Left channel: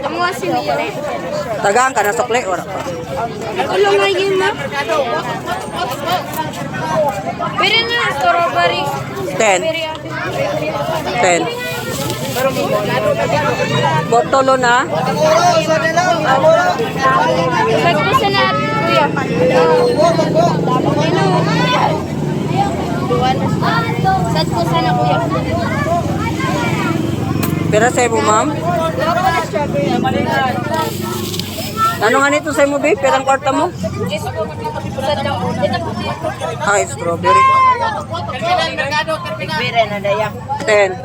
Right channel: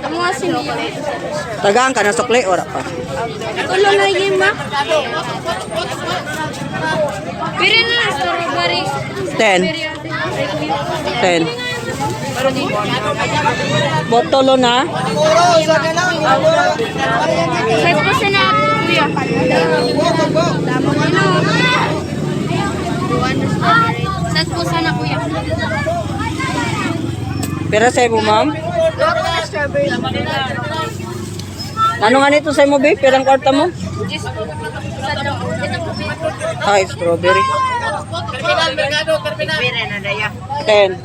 Kamu ngasih chocolate. Tagaan ka ng sukli, ora ka. Wala na yun na. Pero na strawberry. 10. 10. Botolo na. Set ko sa niya, kuya. Set ko sa na, kuya. Pero sa mo, ma'am? Ano nga nito sa mo, babe? Perang kwarta mo? Ay, strawberry. 10.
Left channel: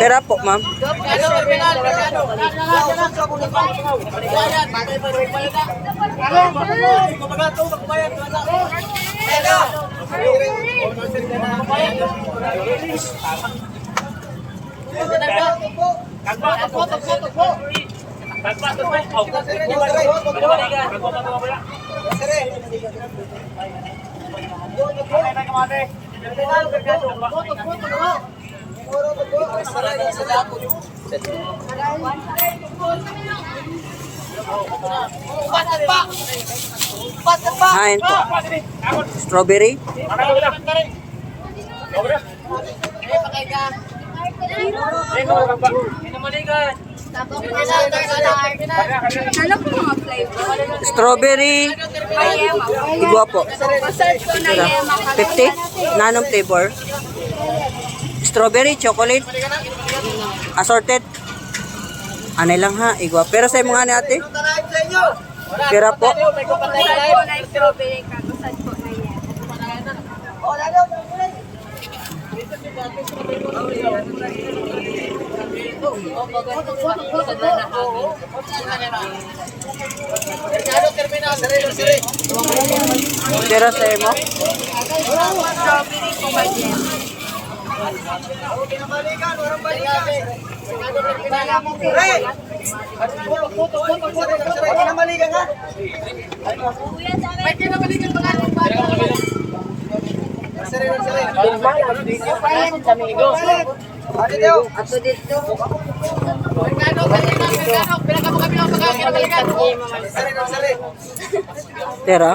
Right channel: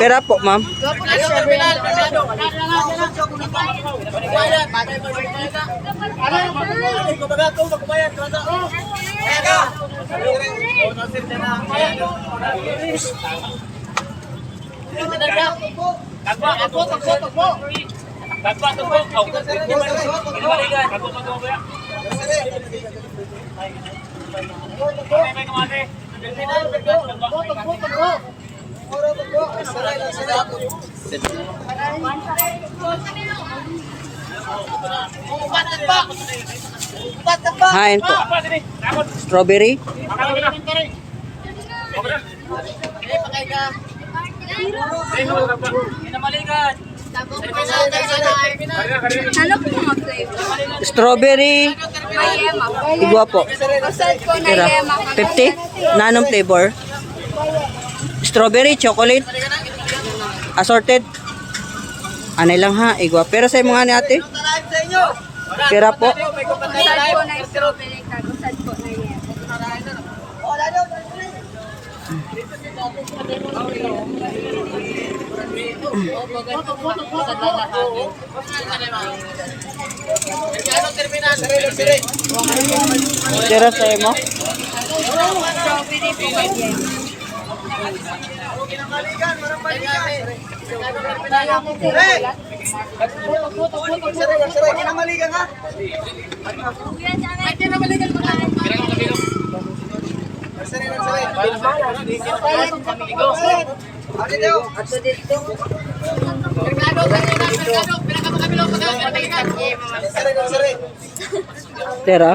Pera po, ma'am. Hain po. Strawberry. Ano po mga flavor? Strawberry. Igwa po. Search ko na yema. 50? Nanong flavor? Strawberry, chocolate. Assorted. Anay lang ha, igwa. Pero sa mga ni ate? Pera po. Strawberry ka. Search ko na yema. Pero sa mo? Strawberry po ba yan? Tera?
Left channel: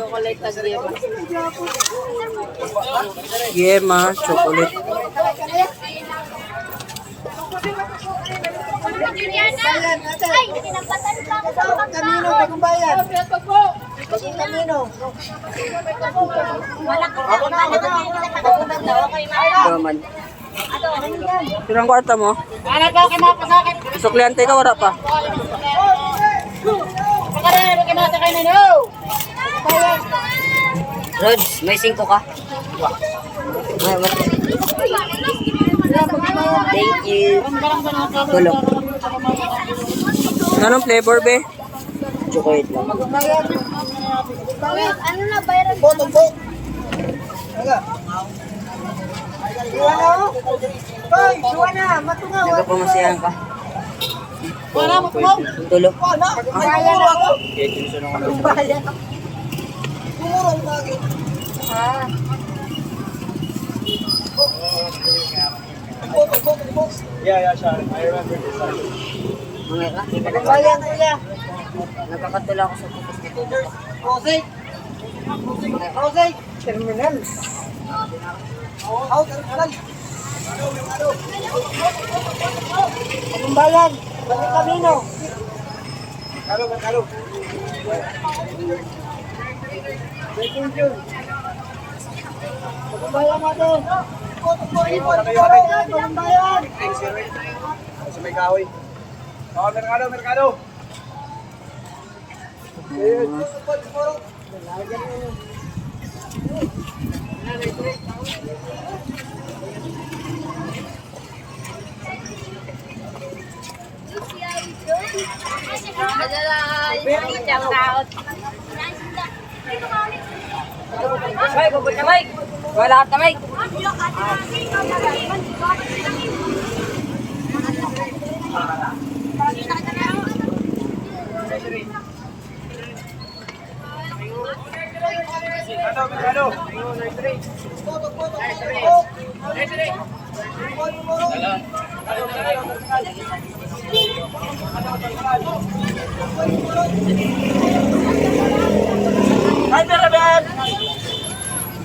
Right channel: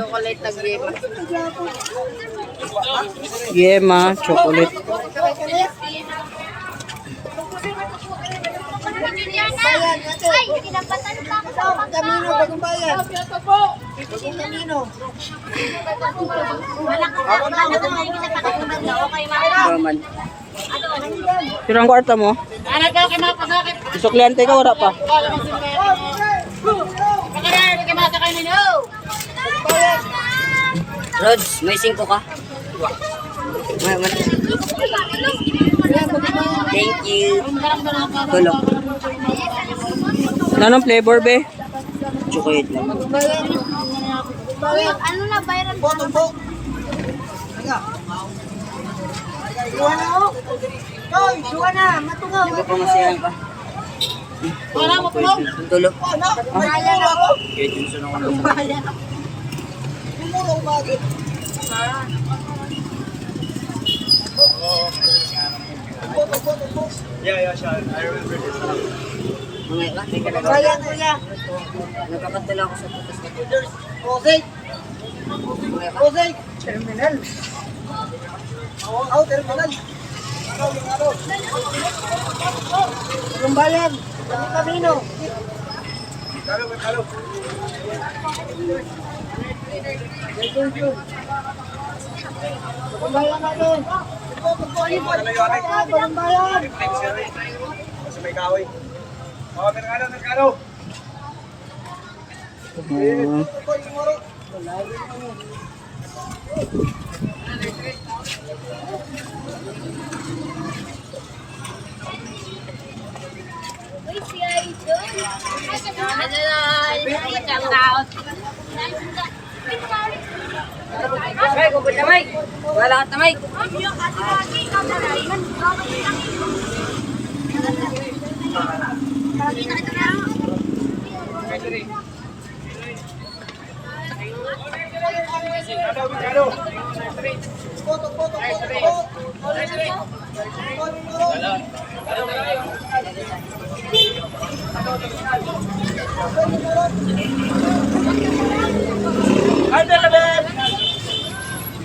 Yema, chocolate. Kamino, bagong bayan. Bagong kamino. Raman. Pero ang kwarta mo? Sukliante ka, wala pa. Rods, may 5 ka. Thank you. Tulog. Anong flavor, be? Chocolate lang. Ano na bayaran? Nagpapamasiyahan ka. Tulog. Yeah, Sean. I remember this. Mamaya ka, may kalagay. Nagkakatula ako sa putas na putas. Terminal. Terminal. Anong bayan? Bagong kamino. Kalo. Bagong bayan natin. Bagong bayan. Sa may kahoy. Oh, merkado. May, gubod na may. Wala ka na may. Mercado.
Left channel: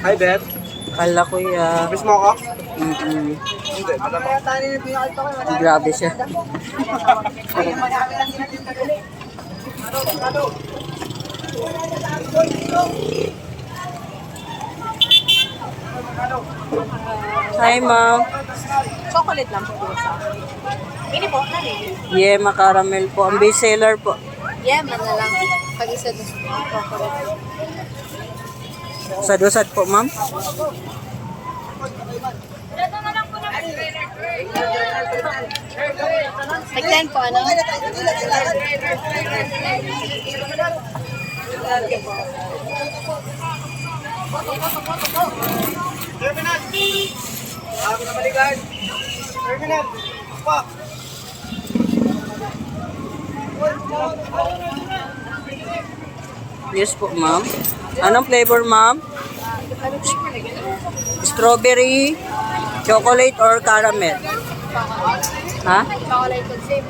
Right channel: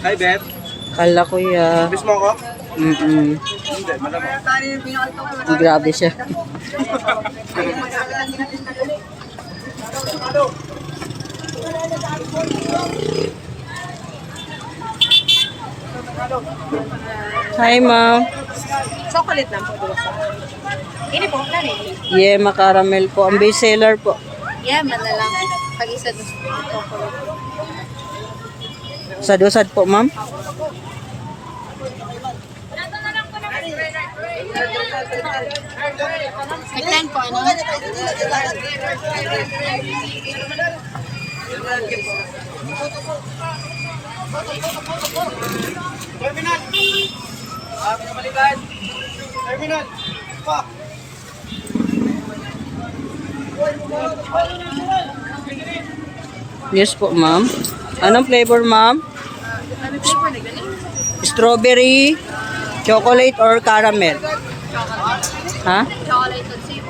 Hi, Ben. Kala ko Miss mo ako? Mm-mm. Hindi, malamang. Grabe siya. Hi, ma'am. Chocolate lang po sa. Ini po, nani? Yema caramel po. Ang best seller po. Yeah, man na lang. Pag-isa doon sa chocolate. Sadusad po, ma'am. Nag-10 po, ano? Terminal. Pinabalikan. Terminal. Pa. Yes po, ma'am. Anong flavor, ma'am? Strawberry, chocolate, or caramel? Ha? Chocolate and sip.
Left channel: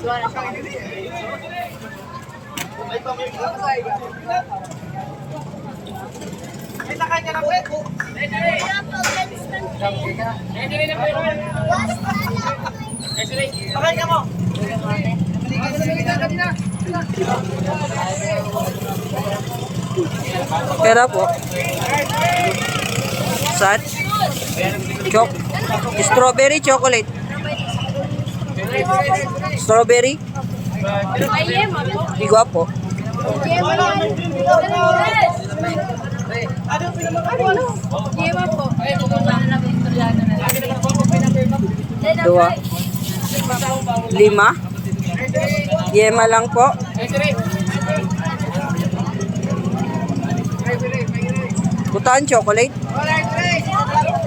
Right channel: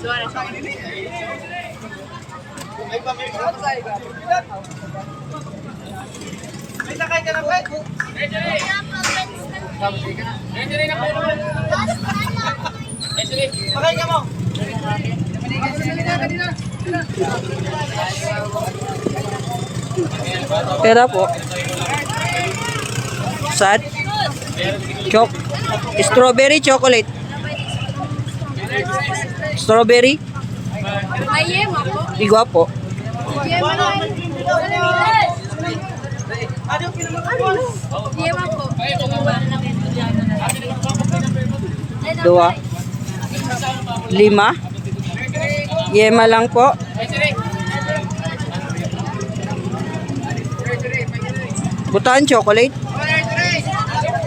Suara siya. May sakay ka na, pre. Sakay ka mo. Pera po. Sad. Strawberry, chocolate. Strawberry. May yema po. Igwa po. Yema po. Dua. 5. Yema lang po. Butaan chocolate.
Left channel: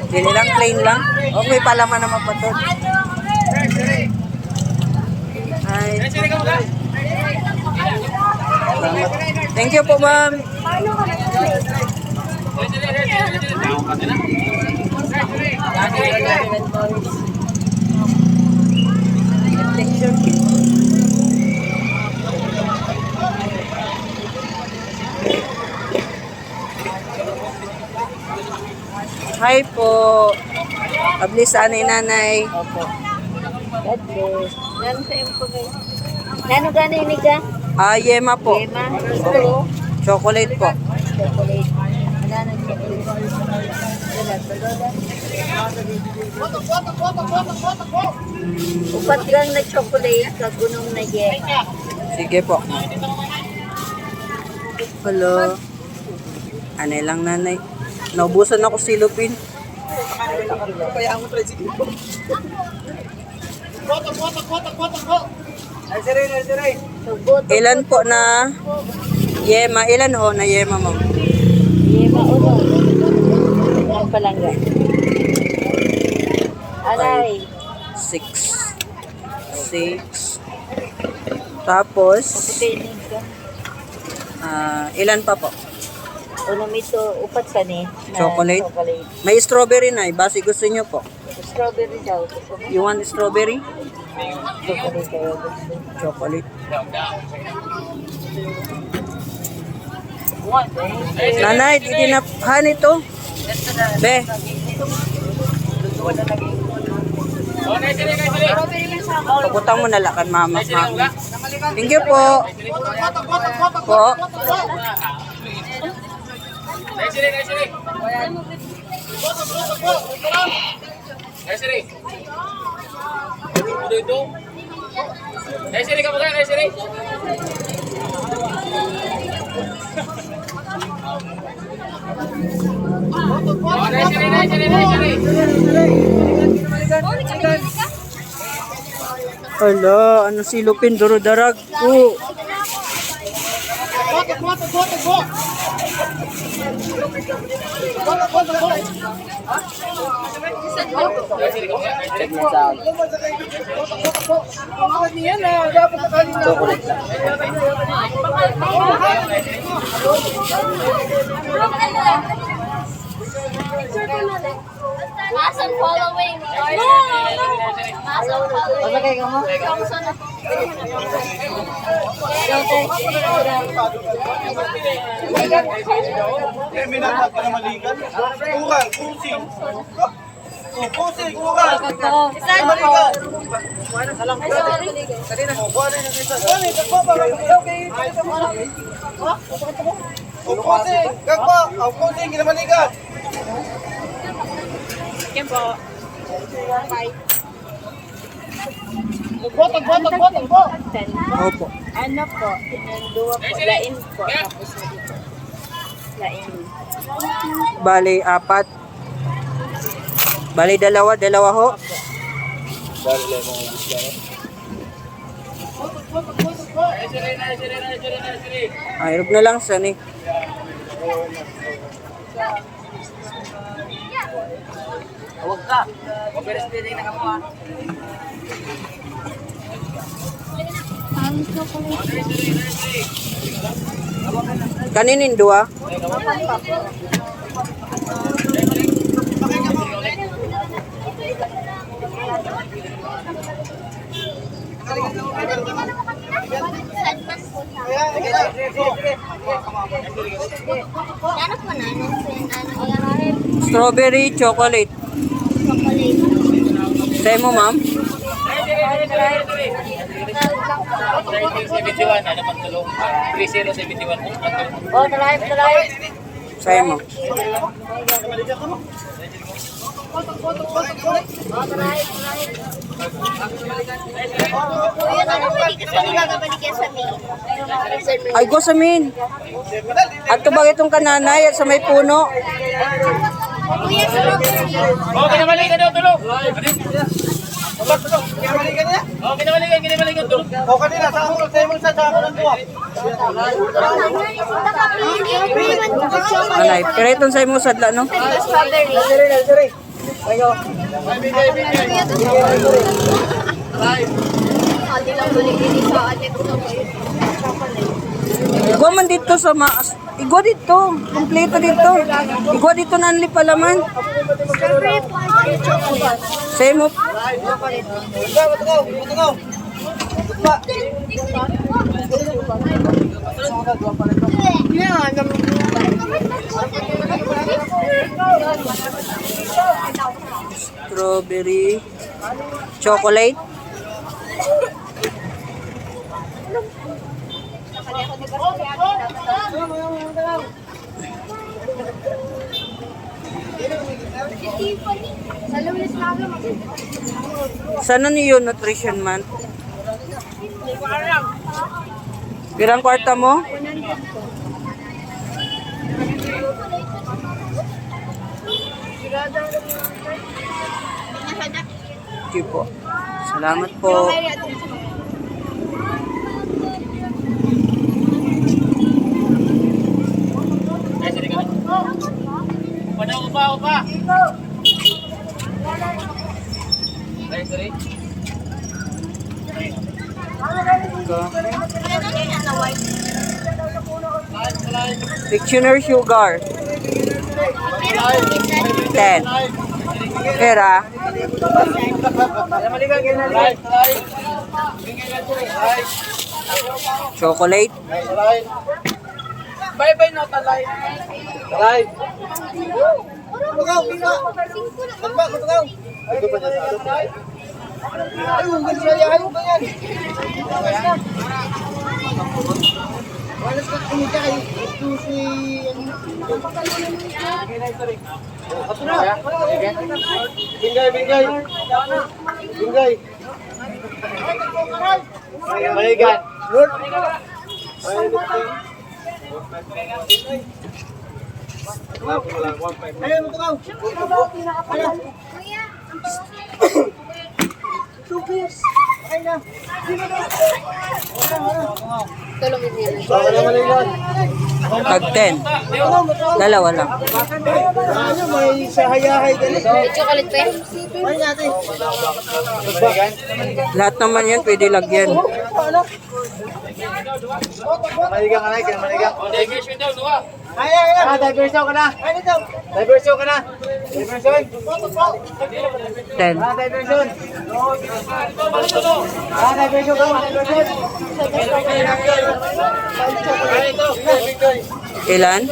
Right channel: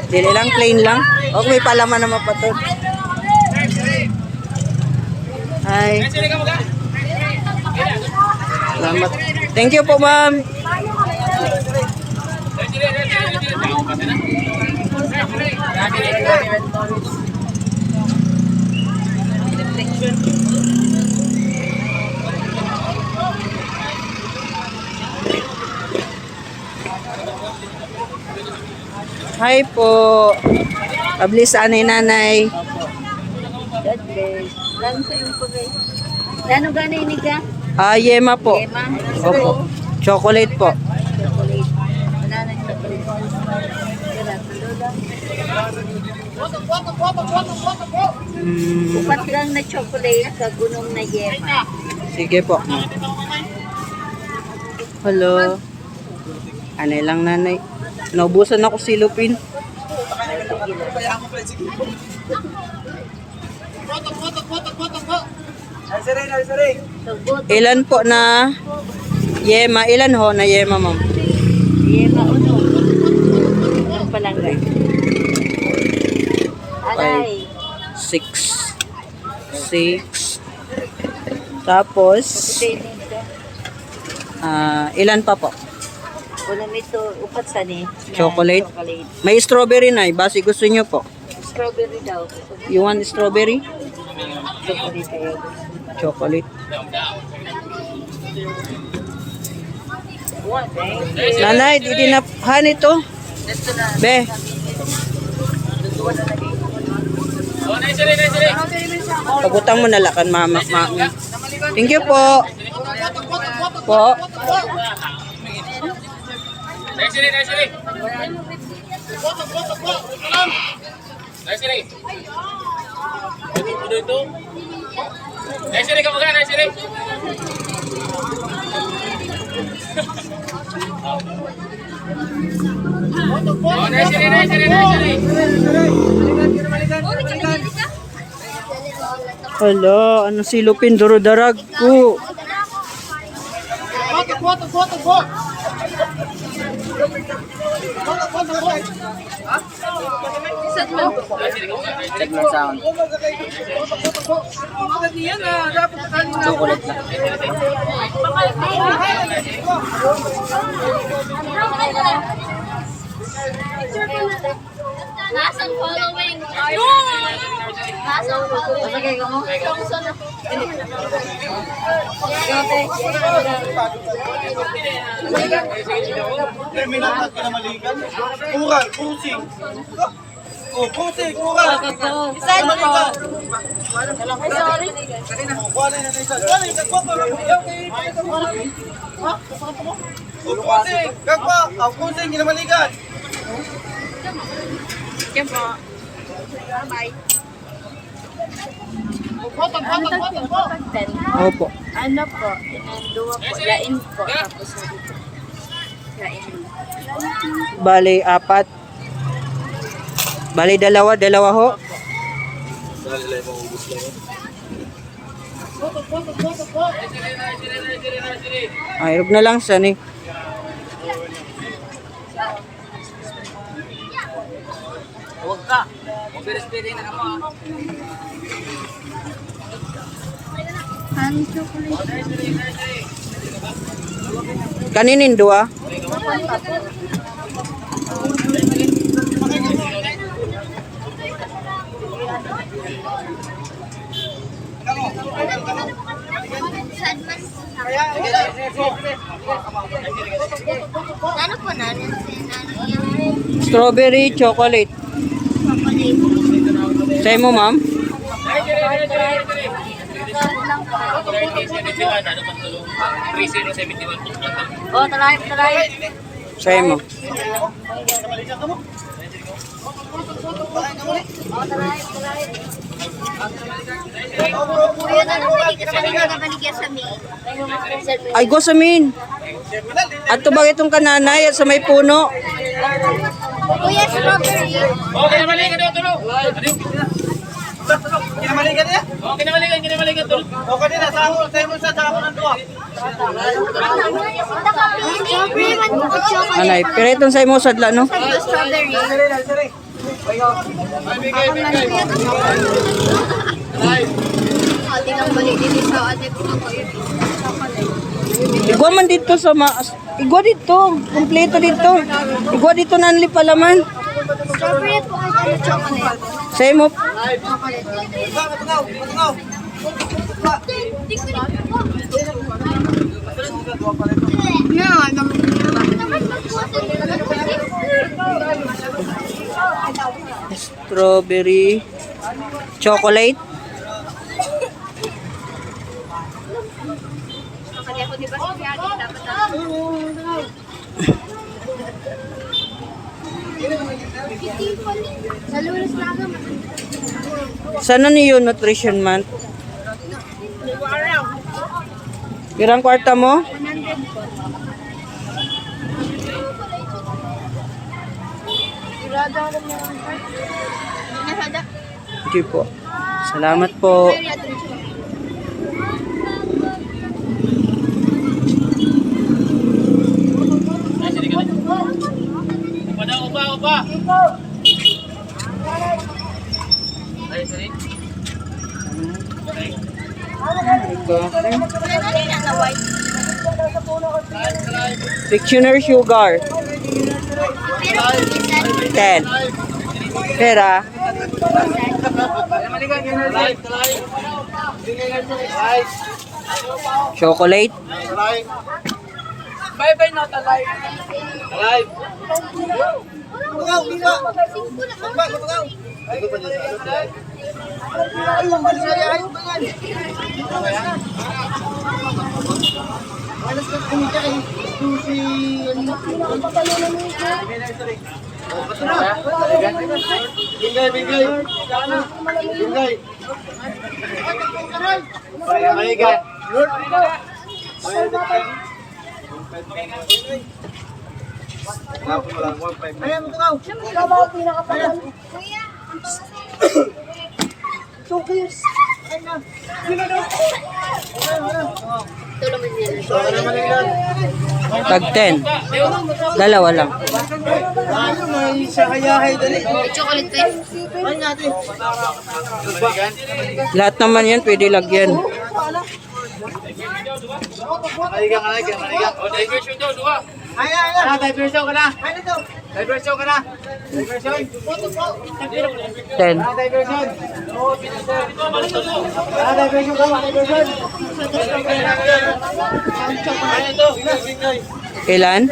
Dili lang, plain lang. Okay, palaman naman pa to. Hi. Salamat. Thank you po, ma'am. Hi po. Ablis sa nanay. God bless. Lalo sa yung po guys. Lalo gano'n yung niga? Yema po. Yema? Opo. Chocolate po. Chocolate. Banana chocolate. Kaya tuloda. Upat gang na chocolate, kagunong na yema. Sige po. Hello. Anay lang nanay. Naubusan ako silupin. Nursery. Tugot. Ilan po na yema? Ilan ho na yema, ma'am? Yema uno. Ang palangga. Alay. 6. Tapos, Piniga. ilan pa po? Uno mito, upat sa ni. na Chocolate? Chocolate. May strawberry na. Basi gusto nyo po. Strawberry daw. You want strawberry? Chocolate kayo. Chocolate. What, eh? Nanay, didinaphan ito. Be. Pagutang mo nalakan, mama. Thank you po. Po. Hala, ano silupin, duro-darag ko. Check mo sound. Chocolate lang. Hassan following order. Hassan following. Masakay ka mo? Johnson na po. Terminal na kinamalikan. Kural, kusing. Oh, kusing, kural. Kinamalikan. Oh, kuha na yung isa. Kuha na yung isa. Oh, kusing. Gagpa. Oh, kusing, kinamalikan. Opo. Ano po? Dua po. Lain po. Tapos dito. Lain. Bali, 4. Bali, 2, 2 ho. Ay, huwag na lang sa ni. Huwag ka. Mabiris-biris na ka mo. Parang chocolate. Kaninin 2. Ano po na? Ano yan? Strawberry chocolate. Sa'yo mo, ma'am? 3071, ano pang tulong? 3071 po. Oh, talay. Sa'yo mo. Kuya, ano balik ka sa mga kabalik ka sa may? Ay, gosamin. At tubag itong kananay at sa may puno. Kuya, strawberry. Okay, namalikan daw tulong. Kinamalikan niya? Okay, namalikan tulong. Okay din na. Sa ako. Sa mo sa ako ng duwa. Anay, pero itong sa'yo mo sadla, no? Strawberry. Bigay. Hindi nga balik dito sa ate ko po yun. Igwa man dito sa igwa dito. Kompleto dito. Igwa dito na anli palaman. Strawberry po. Chocolate. Sa'yo mo. Strawberry chocolate. Sana niyo nutrition month? Pirang kwarta mo? Hindi po. Salamat po. Upa. Ay, sorry. Dictionary sugar. 10. Pera. Chocolate. Bye-bye na, talay. Talay. Bugaw, biba. Bugaw. Ay, ayun, ayun ba yan? Walas ka kumita ay susi. Ito na. Bingay. Mahigan. Lord. Ayan mo ito. Kuya, Tukis. Okay na. tulong din yan. Wala na maligyan. Tag 10. Dalawa lang. May sakayahay dali. Chocolate tayo. Ay natin. Lahat naman yan pwede lagyan. Maligang ka na, kinamaligang. O, diversion daw, duha. Ay, diversion ka na. Ay, ito. Diversion ka na. Diversion. 10. Diversion. Diversion ka. Diversion. Ilan?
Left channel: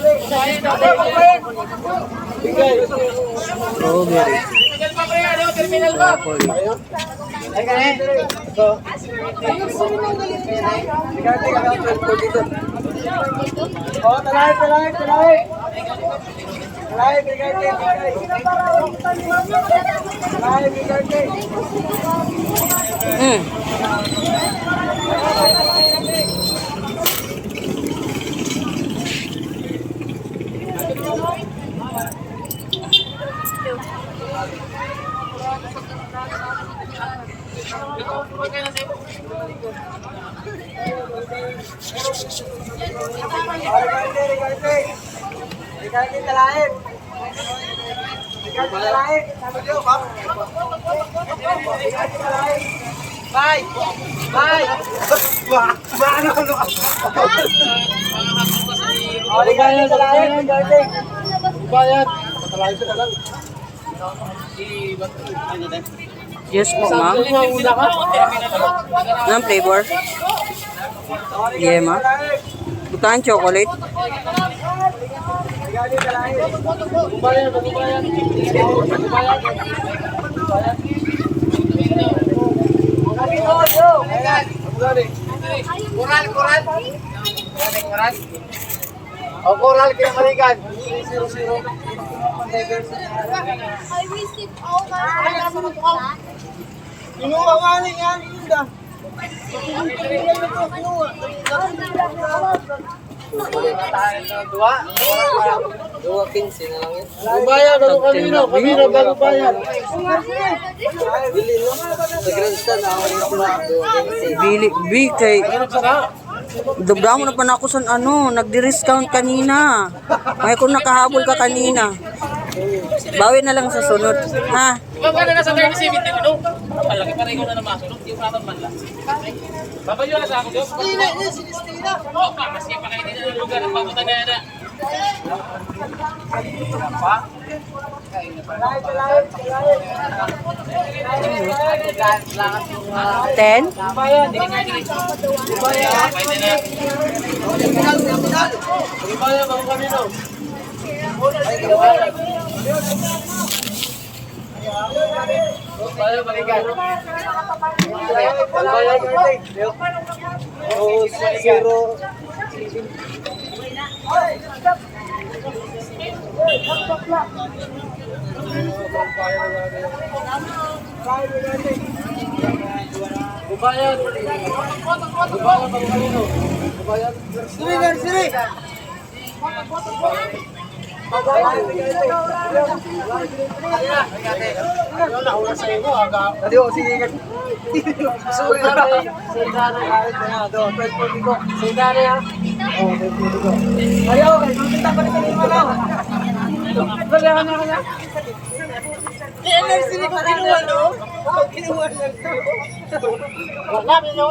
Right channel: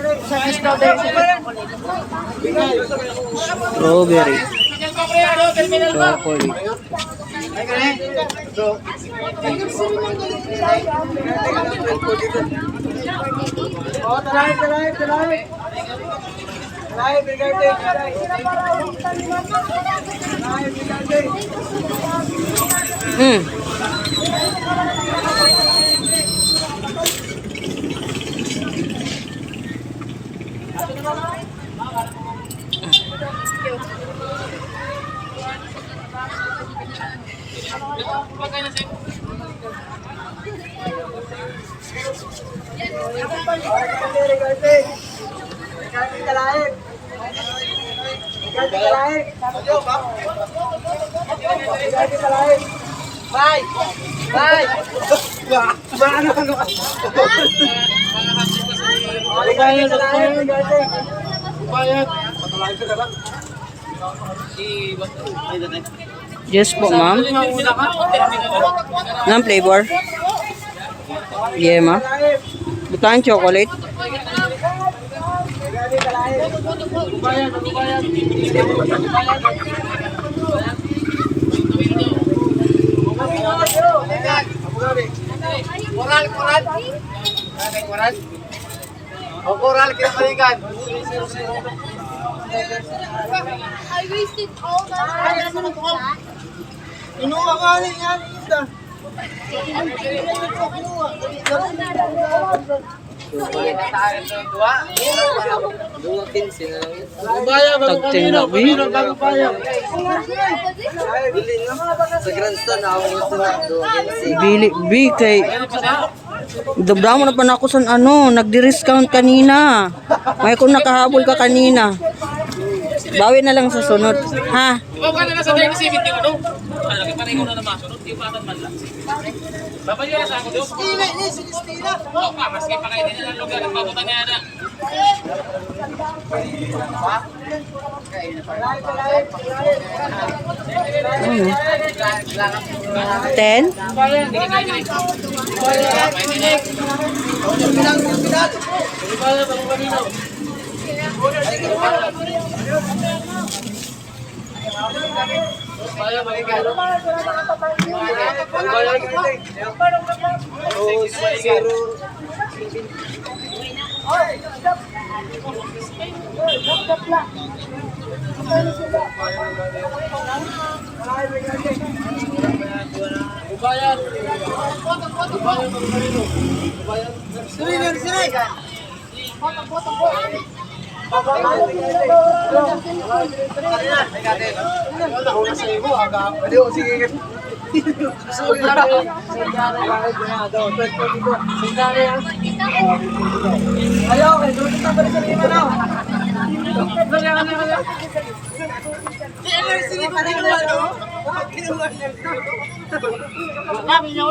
Strawberry. Terminal pa, pre. Ano, terminal pa. Broccoli. Ay, kani. So, oh, talay. Talay, brigade. Talay, brigade. Mm. Pagkain na sa'yo. Brigade, talay. Brigade, talay. Brigade, talay. Bye! Ano? Brigade, talay. Brigade. Bayad. Talay ka lang. Yes po, ma'am. Anong flavor? Yeah, ma'am. Bukan chocolate. Brigade, talay. Coral. O, coral, kinamaligan. I wasted all that. Inuwa nga rin yan, Ida. Bubaya, bago kanino, bago baya. Bili kay Dabda mo na pa na ako sa ano, nagdi-discount kanina. May kung nakahabol ka kanina. Bawi na lang sa sunod. Ha? Ikaw ka na nasa 37, ano? Lagi pa rin ikaw na namasunod, di pa man lang. Babayo na sa ako, Diyos. Oo ka, maski pa kayo din ng lugar, papunta na yan. Ten? Bubaya, bago kanino. Bubaya, bago kanino. Bubaya, bago kanino. Siri. Nauna sa iyo, aga. Adi o, sige. Suwi lang. Sandali kahit na daw. Pwede dito. Sandali ha. Ayaw, okay. Nunta ka rin sa lima na. Dali ka na. Siri ko kinuha, no? Kinuha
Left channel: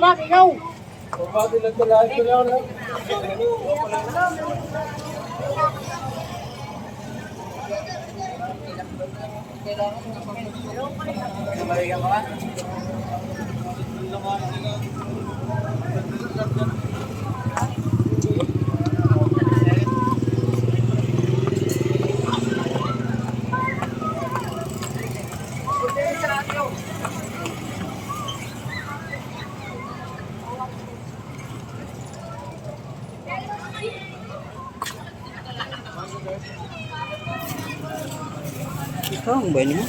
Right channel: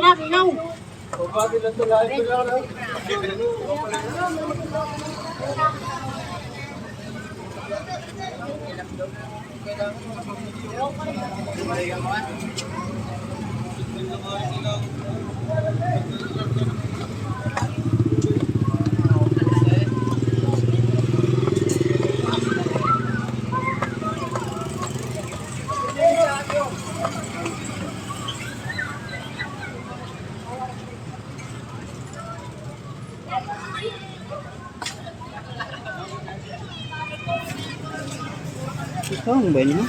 lang. Ikaw. Pagbago lang talaga. Ikaw ang ba niyo?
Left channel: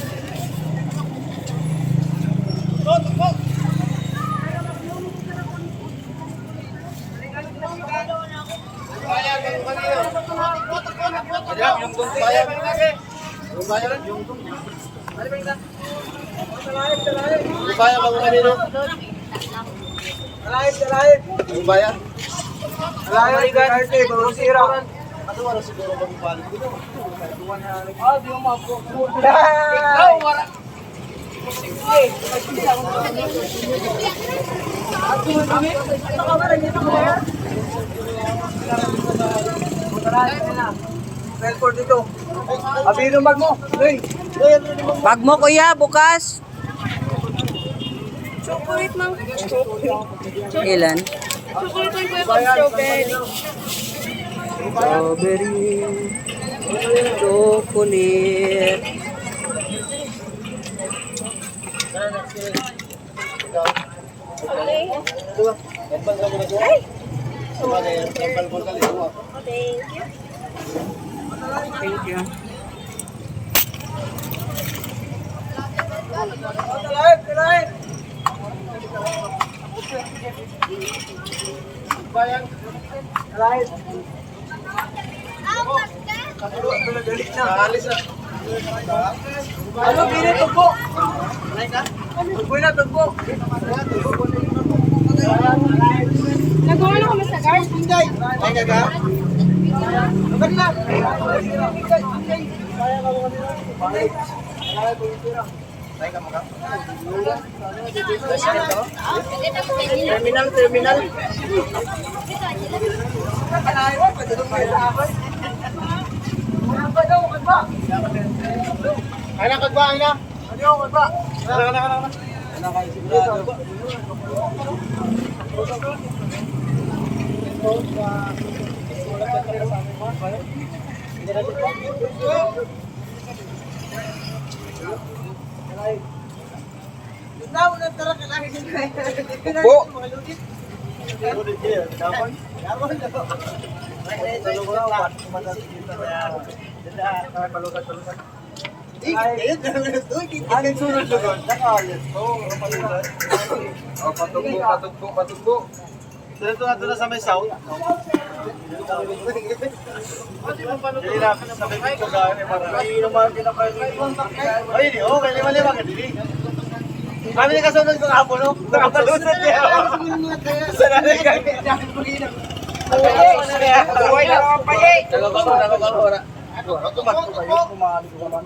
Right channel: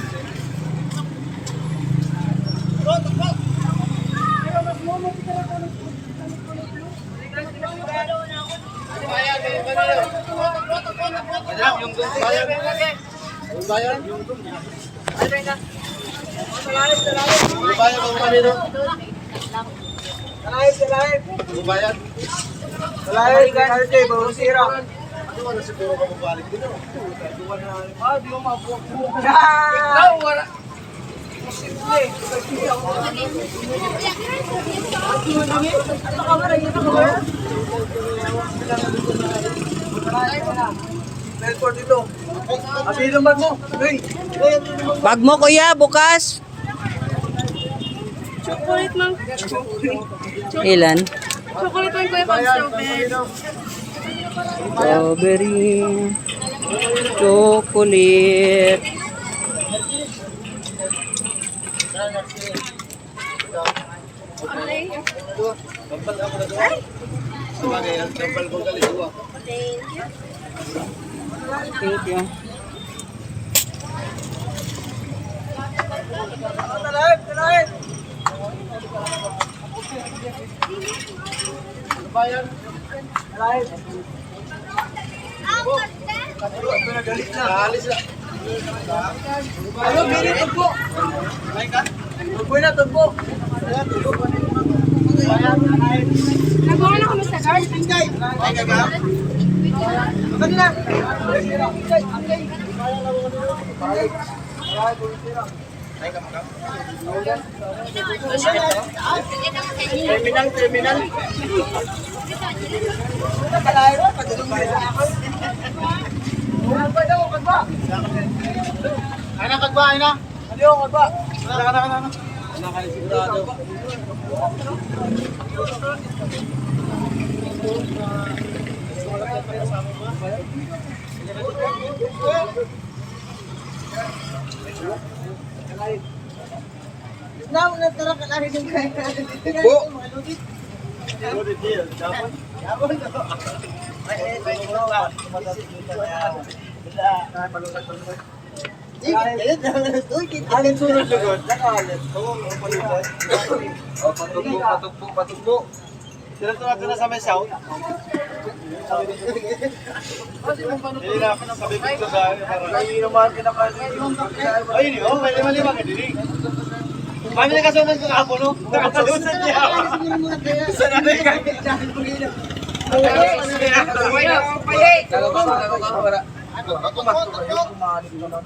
Bubaya, bago kanino. Talay. Bubaya. Wala yung arte, bawang sira. Ah, di mo mapo. Ikaw, wala. Melford dito. Abi ng bag mo. Hey. Bag mo kuya, bukas. Chocolate mang. Ilan? Chocolate mang kuya pag strawberry. Strawberry. Chocolate. Okay. Thank you. Thank you. Talahin. Bayan. Talahin. Ito na galit na. Alis na. Ano, biri, tugbo. Lain ka? Tugbo na, tugbo. Nag-uwi na kami sa car. Lain ka ka? Agad na. Terminal. Ana kagba, ana. Ano kagba? Ana kay sigurado. Now na tara ka lang yung kaya. Po. Patugbo. Sila ito natin na sa may south. Sabi ko ito gani para. Ay, naman kinakain. Ay, hindi. Okay, lima ka dili. Kami na kasaman ko kapo, no? Nakapalusan niya. Sana na kayo. Ako mato kayo, kumahali ko naman.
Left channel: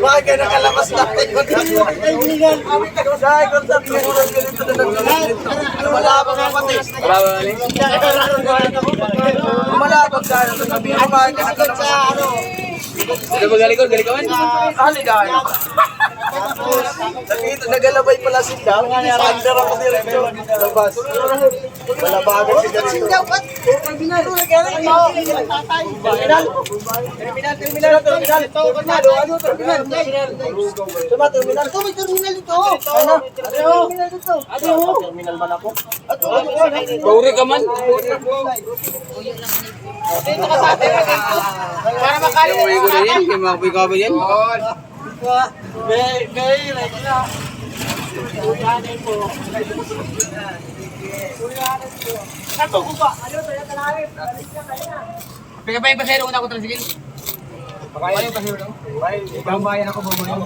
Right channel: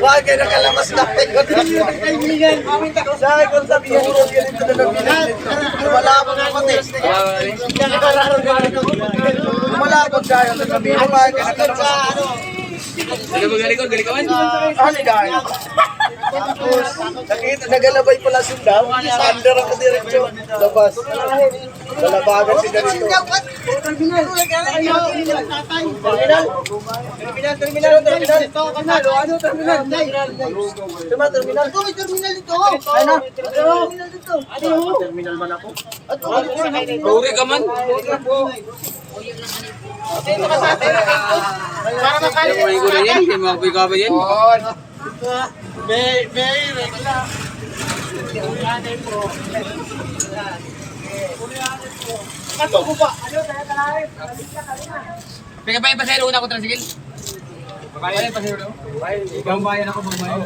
Wag kayo nakalamas natin ko dito. Sabi ko sa puro ganito na namin. Lumalabang ang pati. Lumalabang tayo sa gabi. Ano ba galing ko? Galing ka man? Ano dahil? Nakita, nagalabay pala sindal. Sander ako diretso. Labas. Lalabagan si diretso. Terminal. Ano terminal? Cuma terminal. Ito may terminal ito. Ano? Terminal dito. Terminal man ako. Bauri ka man? Dito ka sa atin. Para makali. Bauri ko na yan. Kaya mga ka ba yan? May regla. Kato ko ba? Ano tayo talahin? Pika pa yung pasero una ko transigil. Pakain yung pasero daw? Bambayan ako, bambayan.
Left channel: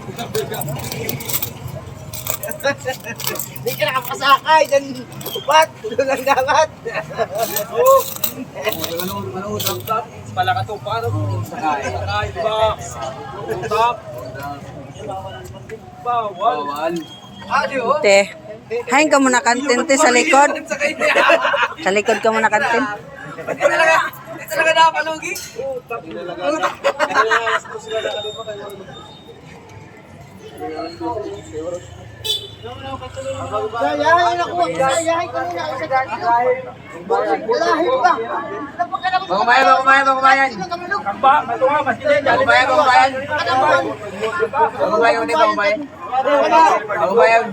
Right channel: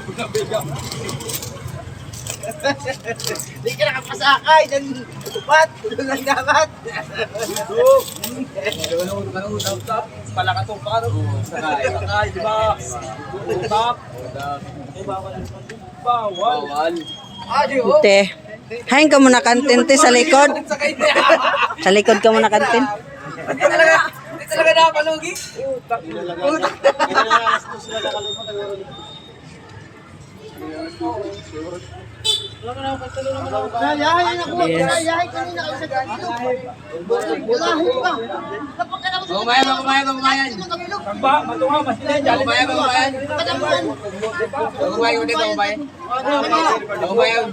Hindi ka nakapasakay. Diyan, ba't? Tulungan dapat. Utap. Pala ka itong paano? Sakay, di ba? Utap. Bawal. Adiyo. Te. Hain ka muna kantin te sa likod. Sa likod ka muna kantin. Talaga nakapalugi? Utap. Alas ko sila nakalima kayo. Yayahin ako. Yayahin kanina ako sa ganito. Yayahin pa. Bangumayan. Kamba, matuwa, masinay. Bangumayan. Bangumayan.